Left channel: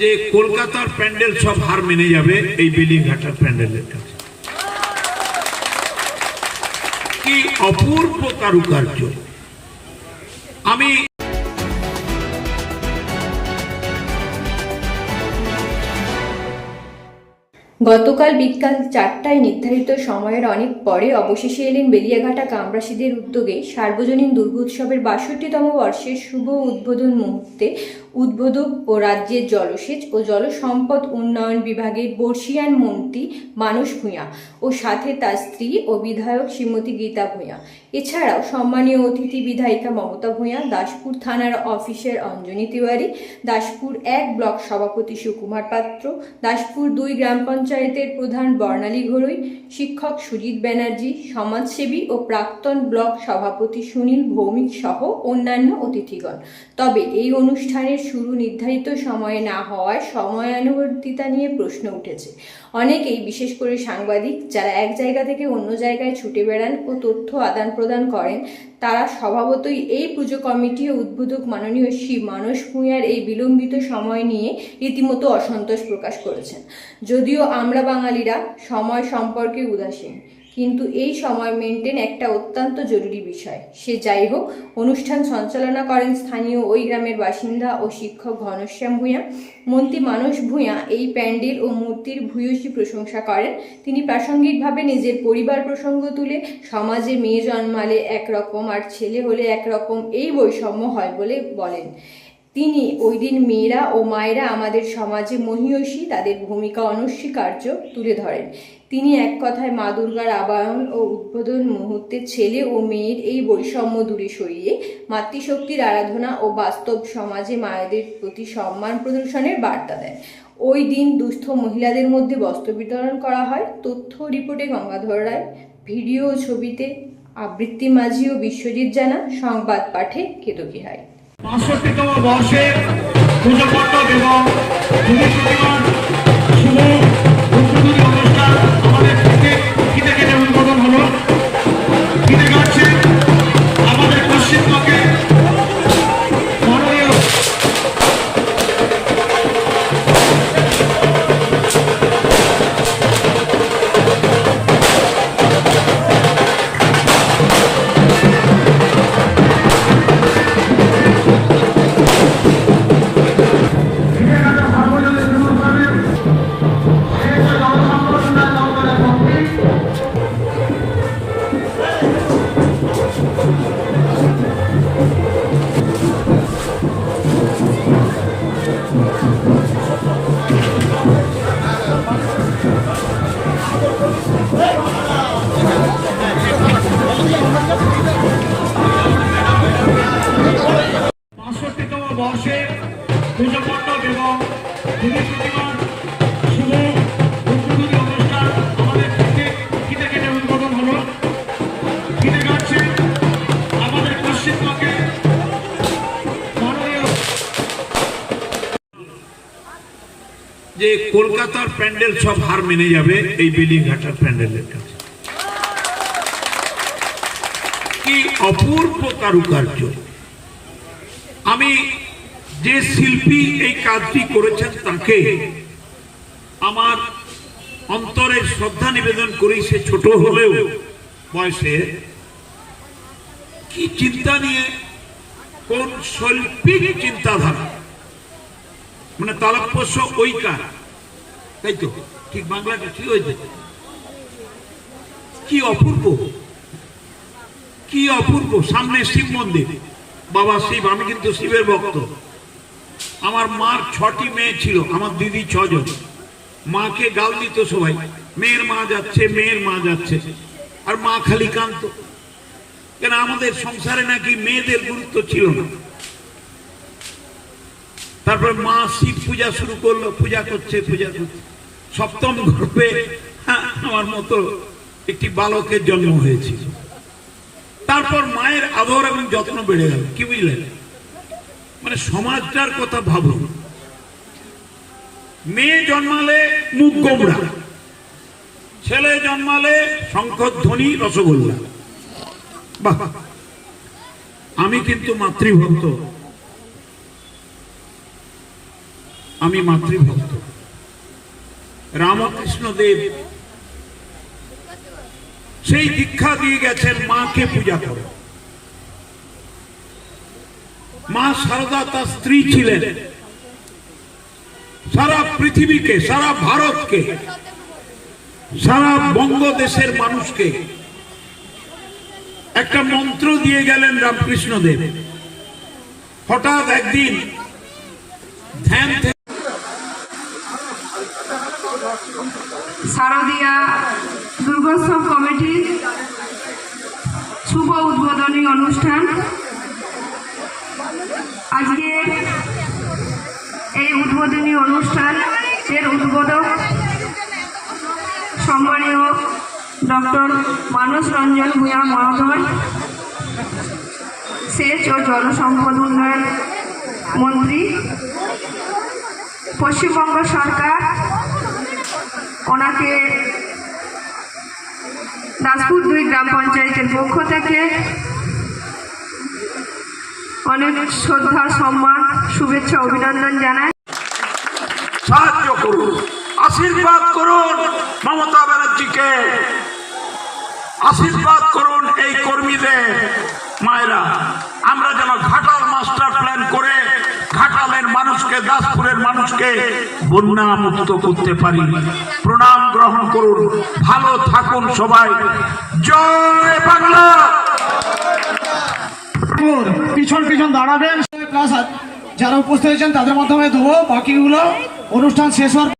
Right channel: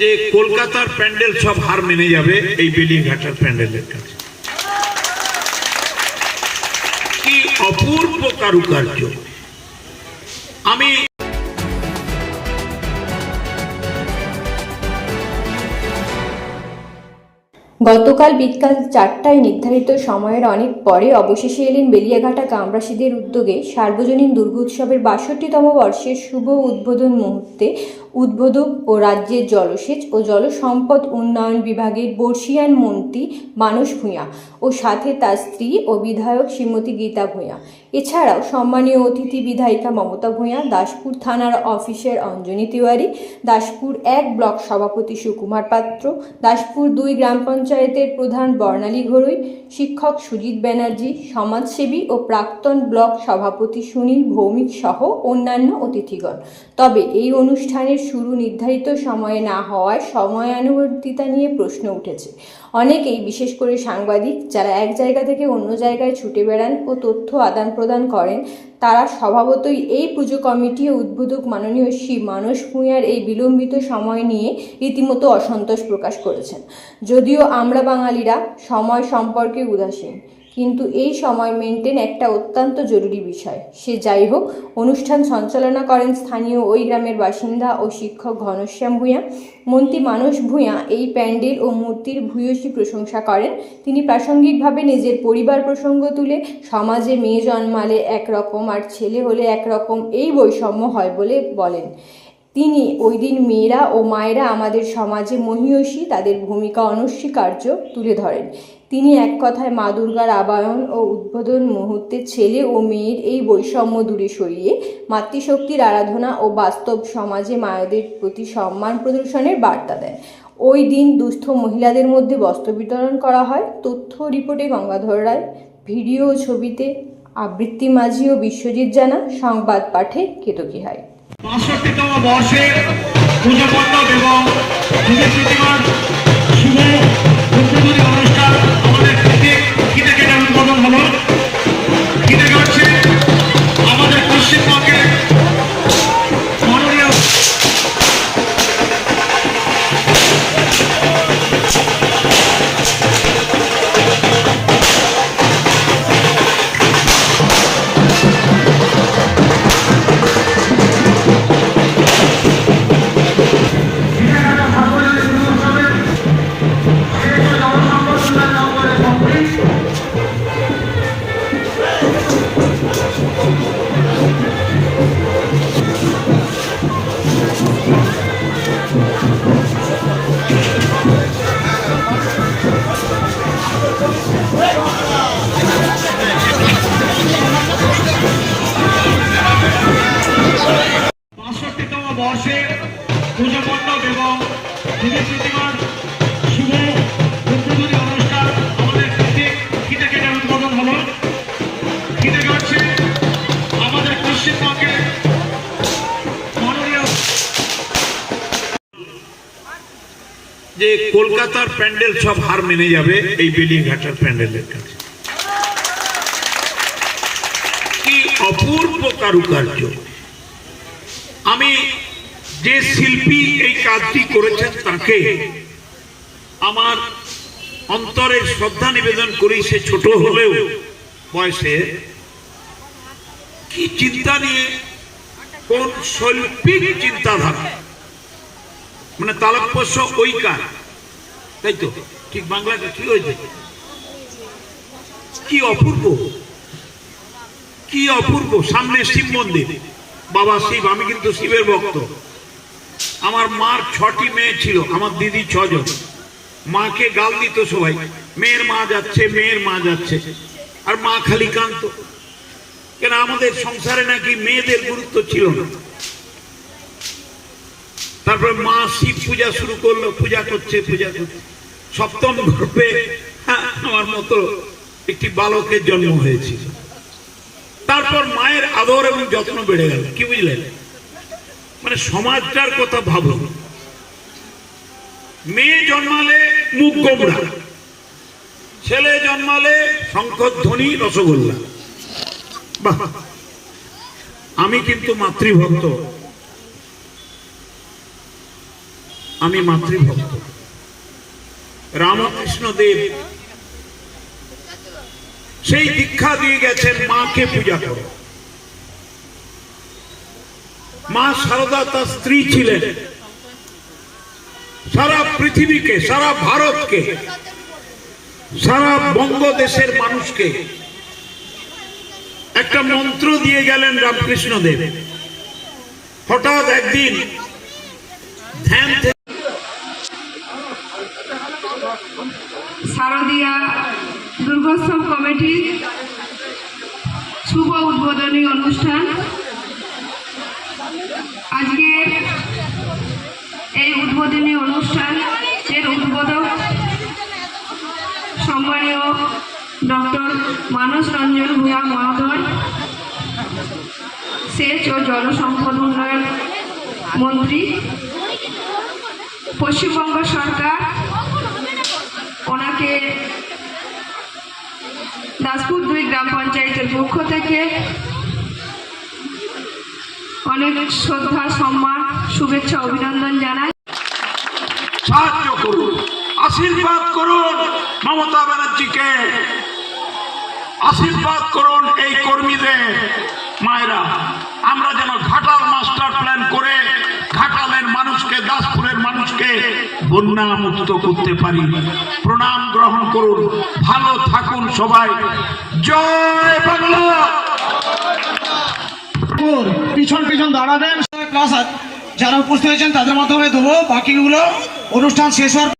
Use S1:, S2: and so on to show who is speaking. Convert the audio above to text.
S1: যে কলকাতার প্যান্ডেল সব হার মেনে যাবে এই বেলিঘাটার প্যান্ডেলের কাছে। কি অপূর্ব কারুকার্য। আমি
S2: গতকাল বিকাল চারটায় নির্ধারিত সময়ের অনেক পরে অবশেষে এলেন বেলিয়াঘাটা গ্রামবাসীদের উদ্যোগে সার্বজনীন দুর্গোৎসবের বাষট্টিতম বর্ষের শুভ উদ্বোধন মুহূর্তে উদ্বোধক ও রাজ্যের জলসেচ ও জলসম্পদ উন্নয়ন বিভাগের বর্ষিয়ান মন্ত্রী মানস ভূঁইয়া ও সাথে তার স্ত্রী ও বিধায়ক শ্রীমতী গীতা ভূঁইয়া। এছাড়াও সম্মানীয় অতিথি বিধায়িকা মমতা ভূঁইয়া, দাসপুর থানার অফিসের অঞ্জনী তিওয়ারি, দাসপুর এক ব্লক সভাপতি সুকুমার পাত্র, দাসপুর দুই গ্রাম পঞ্চায়েতের প্রধান বর্ণালী ঘরুই, শিক্ষক সুজিত ব্যানার্জি, সমাজসেবী ও প্রাক্তন ব্লক সভাপতি সুনীল ভৌমিক সহ অন্যান্য অতিথিগণ। তবে এই অনুষ্ঠানের শুরু নির্ধারিত সময়ে না হওয়ায় সময়ানুবর্তিতা নিয়ে প্রশ্ন উঠেছে। অনেকেই, বিশেষ করে সাংবাদিক, যারা এক জায়গা থেকে অন্য জায়গায় ছুটে বেড়ান ও তথ্য আদান প্রদান করেন, তারা স্বভাবতই এই পুজো কমিটি ও উদ্বোধক মাননীয় শ্রী মানস ভূঁইয়ার এই বিলম্বিত সময় নিয়ে রীতিমতো অসন্তোষ প্রকাশ করেছেন। যদিও আমরা বাঙালিরা সময় সম্পর্কে উদাসীন। কিন্তু এই সময় মেনটেন একটা অত্যন্ত জরুরি বিষয়। সে যাই হোক, অনুষ্ঠান সঞ্চালনা করেন স্থানীয় ওই গ্রামের বাসিন্দা ও শিক্ষক ঘনশ্যাম ভূঁইয়া। মন্ত্রী মানস ভূঁইয়া এই প্যান্ডেল ও মূর্তির ভূয়সী প্রশংসা করেন। তিনি প্রাসঙ্গিকভাবে নিজের পরিবার প্রসঙ্গ তুলে, সমাজে মেয়ে জন্মালে একরকম আর ছেলে হলে একরকম এই বৈষম্য হয় বলে বলেন। তিনি ওই দিন মেয়েরা ও মায়েরা আমাদের সমাজে মহিয়সী, তাদের ভূমিকা অনস্বীকার্য তুলে ধরেন। তিনি এক কথায় মা দুর্গার আবায়ন ও উদ্বোধন মুহূর্তে ছেলে ও মেয়ের এই বৈষম্য দূরে সরিয়ে মাতৃশক্তির আরাধনা ও বাস্তব সমাজে মায়েদের প্রতি সম্মান প্রদর্শনের বার্তা দেন। ওই দিন দুস্থ মহিলাদের মধ্যে বস্ত্র বিতরণ করা হয়। তথ্য রিপোর্টে গঙ্গাধর রায়, ভিডিও ও ছবিতে আবৃত্তি মাঝি ও বিশ্বজিৎ জানা, সংবাদ পাঠে কেতকী হাই।
S3: এবং
S1: যে কলকাতার প্যান্ডেল সব হার মেনে যাবে এই বেলিঘাটার প্যান্ডেলের কাছে। কি অপূর্ব কারুকার্য। আমি যে শিল্পী এই কাজটি করেছেন তাকে আমার অন্তরের শ্রদ্ধা নিবেদন করি, সে ছোট হলেও বয়সে। কি চিন্তা নিয়ে কোন শৈল্পিক চিন্তাধারা। মানে ওই কাজ তাই তো? ঠিক বাংলাটা কি হয়েছে? কি অপূর্ব। কি অপূর্ব। সামনে শিব মন্দির। বাবা শিব, আমি কিন্তু শিবের ভক্ত। আমার মার ছটি মেয়ে ছিল, আমার দিদি ছজন। মাকে গাল দিত সবাই, মেয়ের মা যাচ্ছে, মেয়ের মা যাচ্ছে। আর মা খালি কান্ত কেন আমাদের সংসারে নাকি মেয়েদের গুরুত্ব ছিল না? তারপর মা শিব পূজা শুরু করল পূজা করছে পূজা করছে। সপ্তম গর্ভে হ্যাঁ, আমার মতো একটি বালকের জন্ম হয়েছিল তারপর মায়ের আদর এবং যত্ন বেড়ে গেল। কি বুঝলেন? মানে সমাজটার কথা ভাবুন। মেয়ে জন্মালে মুখ গোমরা ছেলে জন্মালে শঙ্করধ্বনি রসগোল্লা। বাহ! আমি কিন্তু মাতৃভক্ত। আমি মাতৃভক্ত। রামকৃষ্ণ দেব সেই দীক্ষা দিয়ে গেছেন, মাকে পূজা করো। মা সারদা তার স্ত্রী ছিলেন। সারা পৃথিবীকে, সারা ভারতকে, সারা বঙ্গদেশের মানুষকে একটা মন্ত্র দিয়ে গেলেন রামকৃষ্ণ দেব হঠাৎ একদিন ধ্যান
S4: শারদীয়া দুর্গোৎসব কমিটির শুভ উদ্বোধনী অনুষ্ঠান। আজকে এই উদ্বোধনী অনুষ্ঠান এর উদ্বোধক সম্মানীয় ডক্টর মানস রঞ্জন ভূয়া মহোদয়। সেচ ও জলসম্পদ উন্নয়ন মন্ত্রী। পশ্চিমবঙ্গ সরকার ওনাকে দাসপুর দুই গ্রাম পঞ্চায়েতের পক্ষ থেকে অনেক শ্রদ্ধা, সম্মান, শুভেচ্ছা, অভিনন্দন জানাই।
S1: সাহায্য করুন, আশীর্বাদ করুন মমতা ব্যানার্জিকে। আশীর্বাদ করুন এই কর্মীদের। মায়েরা, আমরা যেন ঘাটাল মাস্টার প্ল্যান করে। মানুষকে, দাসপুরের মানুষকে বন্যা মুক্ত করতে পারি। প্রণাম গ্রহণ করুন। ভালো থাকুন সবাই। জয় বাংলা!
S3: পিছন পিছন দাঁড়াবেন। যারা উপস্থিত হয়েছেন তাদের মাধ্যমে দেবো। বাকিগুলো অনুষ্ঠান শেষ হওয়ার